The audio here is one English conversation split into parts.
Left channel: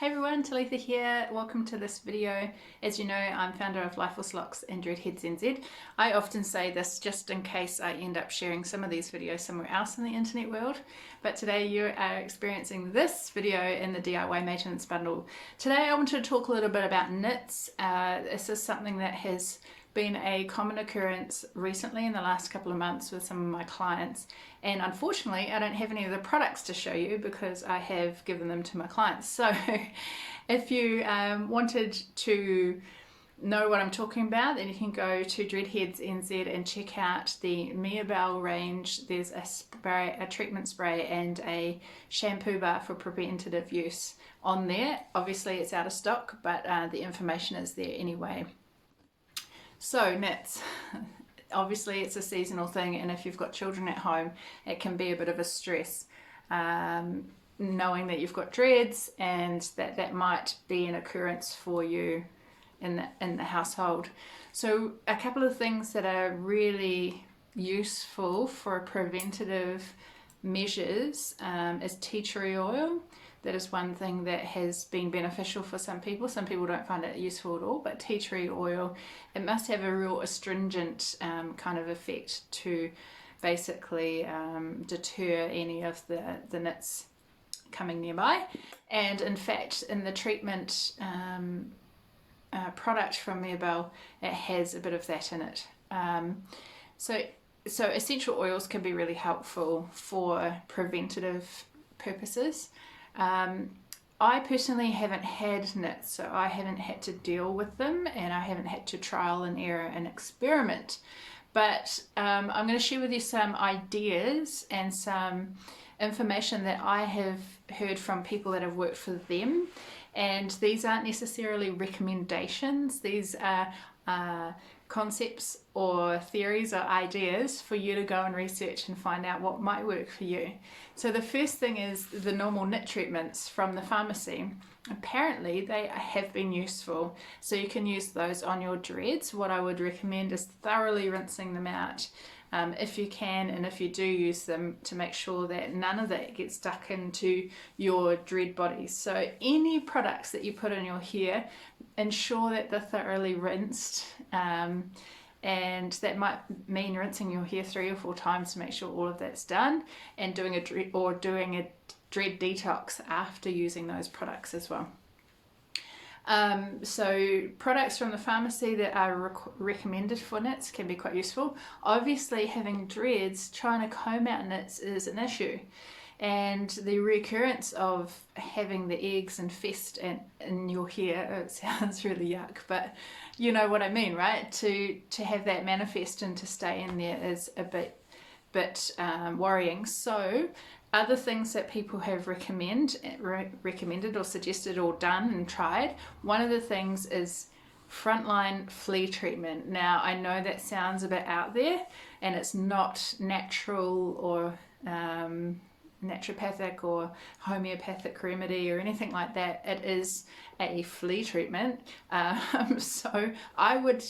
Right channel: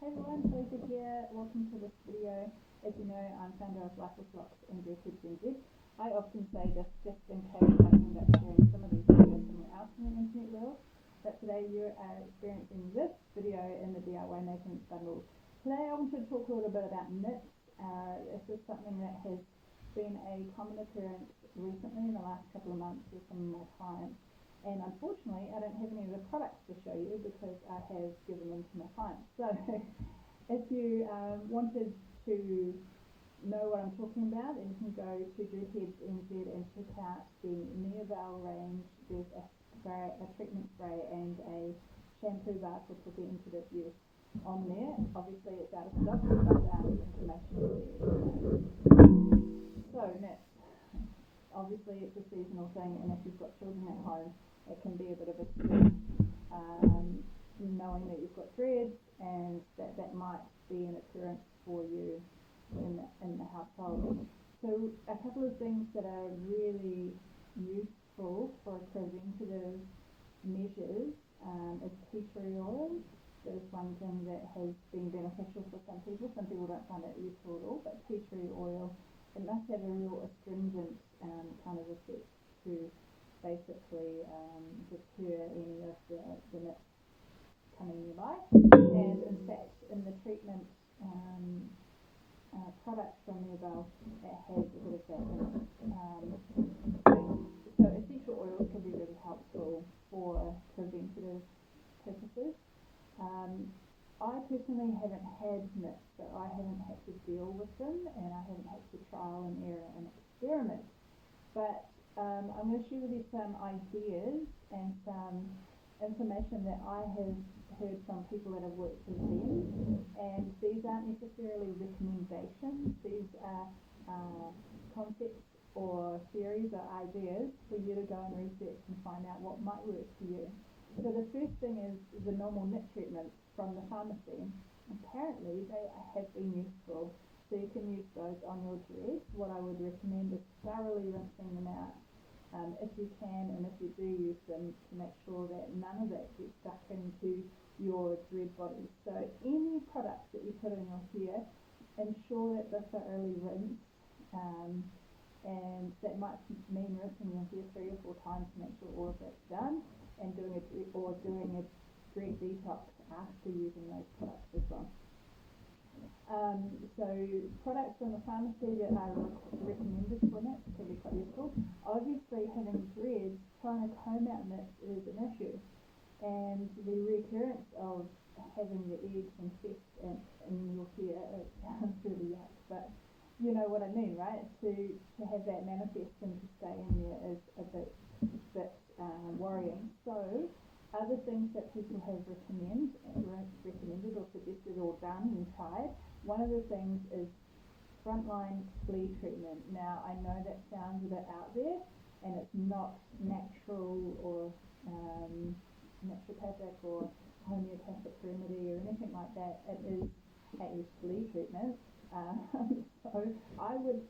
Hey everyone, Talitha here. Welcome to this video. As you know, I'm founder of Dreadlocks and Nits. I often say this just in case I end up sharing some of these videos somewhere else in the internet world. But today you are experiencing this video in the DIY maintenance bundle. Today I wanted to talk a little bit about knits. This is something that has been a common occurrence recently in the last couple of months with some of my clients, and unfortunately I don't have any of the products to show you because I have given them to my clients. So if you wanted to know what I'm talking about, then you can go to DREADHEADSNZ and check out the Mirabelle range. There's a treatment spray and a shampoo bar for preventative use on there. Obviously it's out of stock, but the information is there anyway. So knits, obviously it's a seasonal thing, and if you've got children at home it can be a bit of a stress knowing that you've got dreads and that might be an occurrence for you in the household. So a couple of things that are really useful for preventative measures is tea tree oil. That is one thing that has been beneficial for some people. Some people don't find it useful at all, but tea tree oil, it must have a real astringent kind of effect to basically deter any of the nits coming nearby. And in fact, in the treatment product from Mirabelle, it has a bit of that in it. So essential oils can be really helpful for preventative purposes. I personally haven't had nits, so I haven't had to deal with them, and I haven't had to trial and error and experiment. But I'm going to share with you some ideas and some information that I have heard from people that have worked for them. And these aren't necessarily recommendations. These are concepts or theories or ideas for you to go and research and find out what might work for you. So the first thing is the normal knit treatments from the pharmacy. Apparently they have been useful, so you can use those on your dreads. What I would recommend is thoroughly rinsing them out if you can, and if you do use them, to make sure that none of that gets stuck into your dread bodies. So any products that you put in your hair, ensure that they're thoroughly rinsed, and that might mean rinsing your hair 3 or 4 times to make sure all of that's done, and doing a dread detox after using those products as well. So products from the pharmacy that are recommended for knits can be quite useful. Obviously having dreads, trying to comb out knits is an issue, and the recurrence of having the eggs infest in your hair, it sounds really yuck, but you know what I mean, right? To have that manifest and to stay in there is a bit worrying. So other things that people have recommended or suggested or done and tried, one of the things is frontline flea treatment. Now I know that sounds a bit out there, and it's not natural or naturopathic or homeopathic remedy or anything like that. It is a flea treatment. So I would,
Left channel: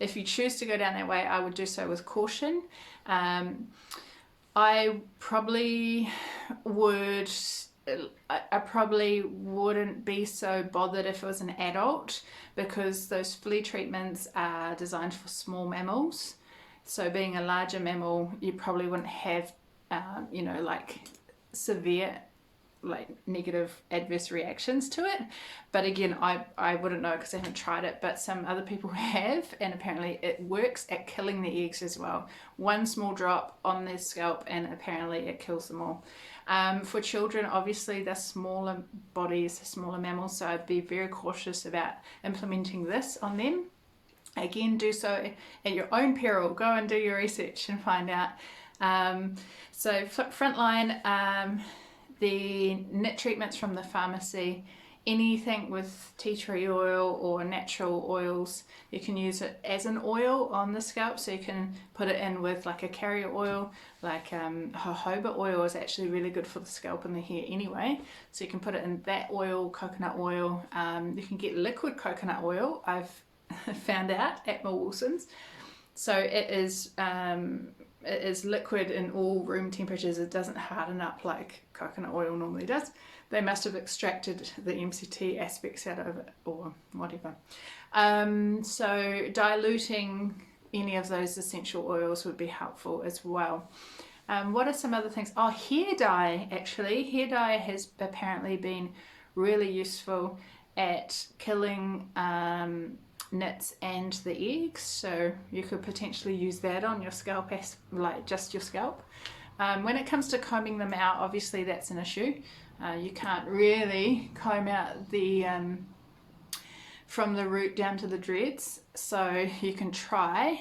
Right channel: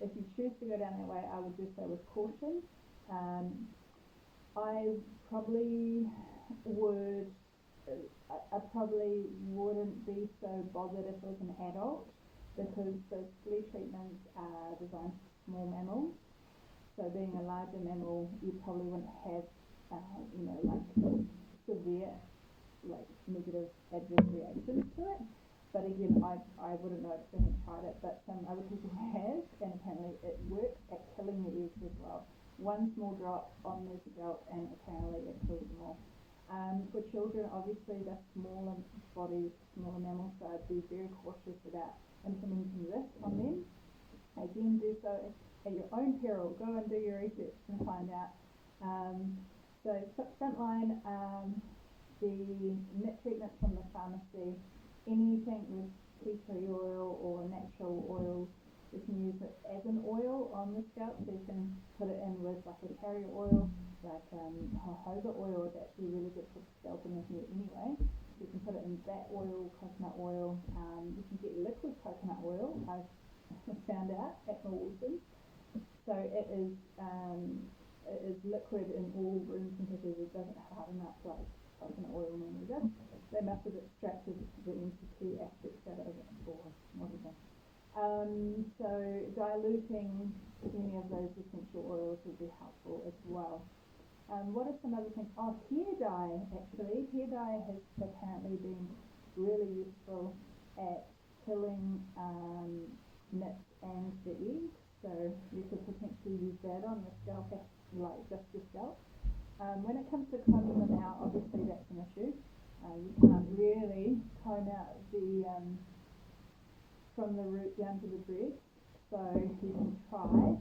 if you choose to go down that way, I would do so with caution. I probably wouldn't be so bothered if it was an adult, because those flea treatments are designed for small mammals. So being a larger mammal, you probably wouldn't have like severe negative adverse reactions to it. But again, I wouldn't know because I haven't tried it, but some other people have, and apparently it works at killing the eggs as well. One small drop on their scalp and apparently it kills them all. For children, obviously they're smaller bodies, smaller mammals, so I'd be very cautious about implementing this on them. Again, do so at your own peril. Go and do your research and find out. So frontline, the knit treatments from the pharmacy, anything with tea tree oil or natural oils, you can use it as an oil on the scalp. So you can put it in with like a carrier oil, like jojoba oil is actually really good for the scalp and the hair anyway. So you can put it in that oil, coconut oil. You can get liquid coconut oil, I've found out, at Wilson's. So it is liquid in all room temperatures. It doesn't harden up like coconut oil normally does. they must have extracted the MCT aspects out of it or whatever. So diluting any of those essential oils would be helpful as well. What are some other things? Oh, hair dye, actually. Hair dye has apparently been really useful at killing nits and the eggs, so you could potentially use that on your scalp, like just your scalp. When it comes to combing them out, obviously that's an issue. You can't really comb out the from the root down to the dreads, so you can try.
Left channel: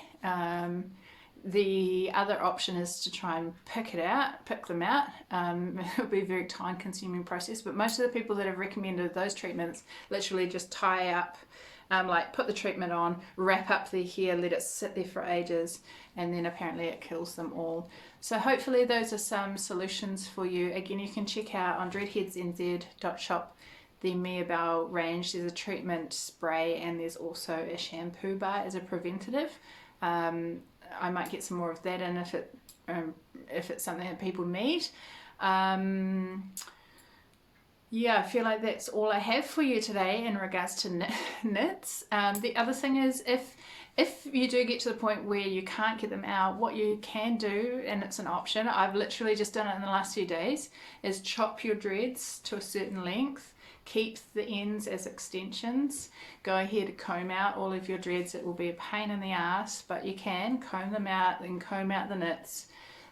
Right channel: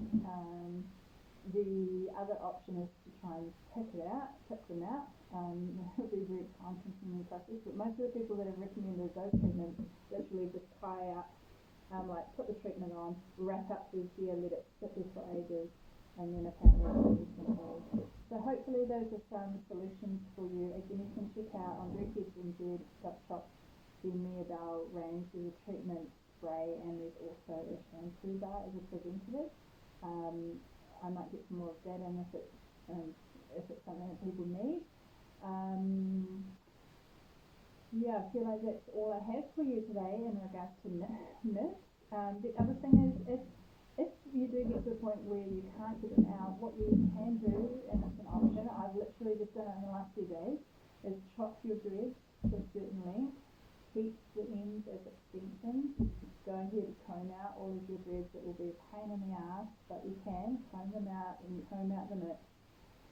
The other option is to try and pick them out. It'll be a very time consuming process, but most of the people that have recommended those treatments literally just tie up, like put the treatment on, wrap up their hair, let it sit there for ages, and then apparently it kills them all. So hopefully those are some solutions for you. Again, you can check out on DREADHEADSNZ.SHOP the Meobow range. There's a treatment spray and there's also a shampoo bar as a preventative. I might get some more of that in if it's something that people need. Yeah, I feel like that's all I have for you today in regards to nits. The other thing is, if you do get to the point where you can't get them out, what you can do, and it's an option, I've literally just done it in the last few days, is chop your dreads to a certain length, keep the ends as extensions, go ahead and comb out all of your dreads. It will be a pain in the ass, but you can comb them out and comb out the nits,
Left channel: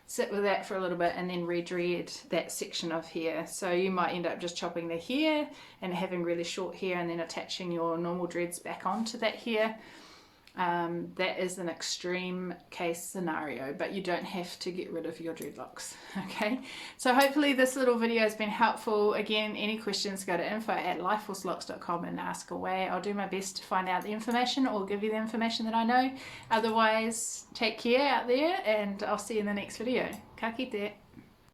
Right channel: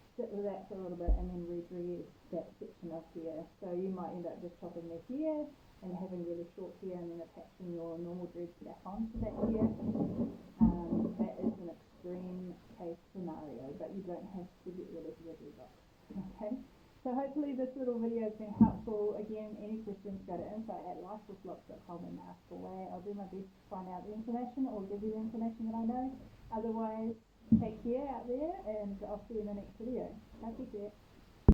sit with that for a little bit, and then re-dread that section of hair. So you might end up just chopping the hair and having really short hair and then attaching your normal dreads back onto that hair. That is an extreme case scenario, but you don't have to get rid of your dreadlocks. Okay, so hopefully this little video has been helpful. Again, any questions, go to info@lifeforcelocks.com and ask away. I'll do my best to find out the information or give you the information that I know. Otherwise, take care out there, and I'll see you in the next video. Ka kite.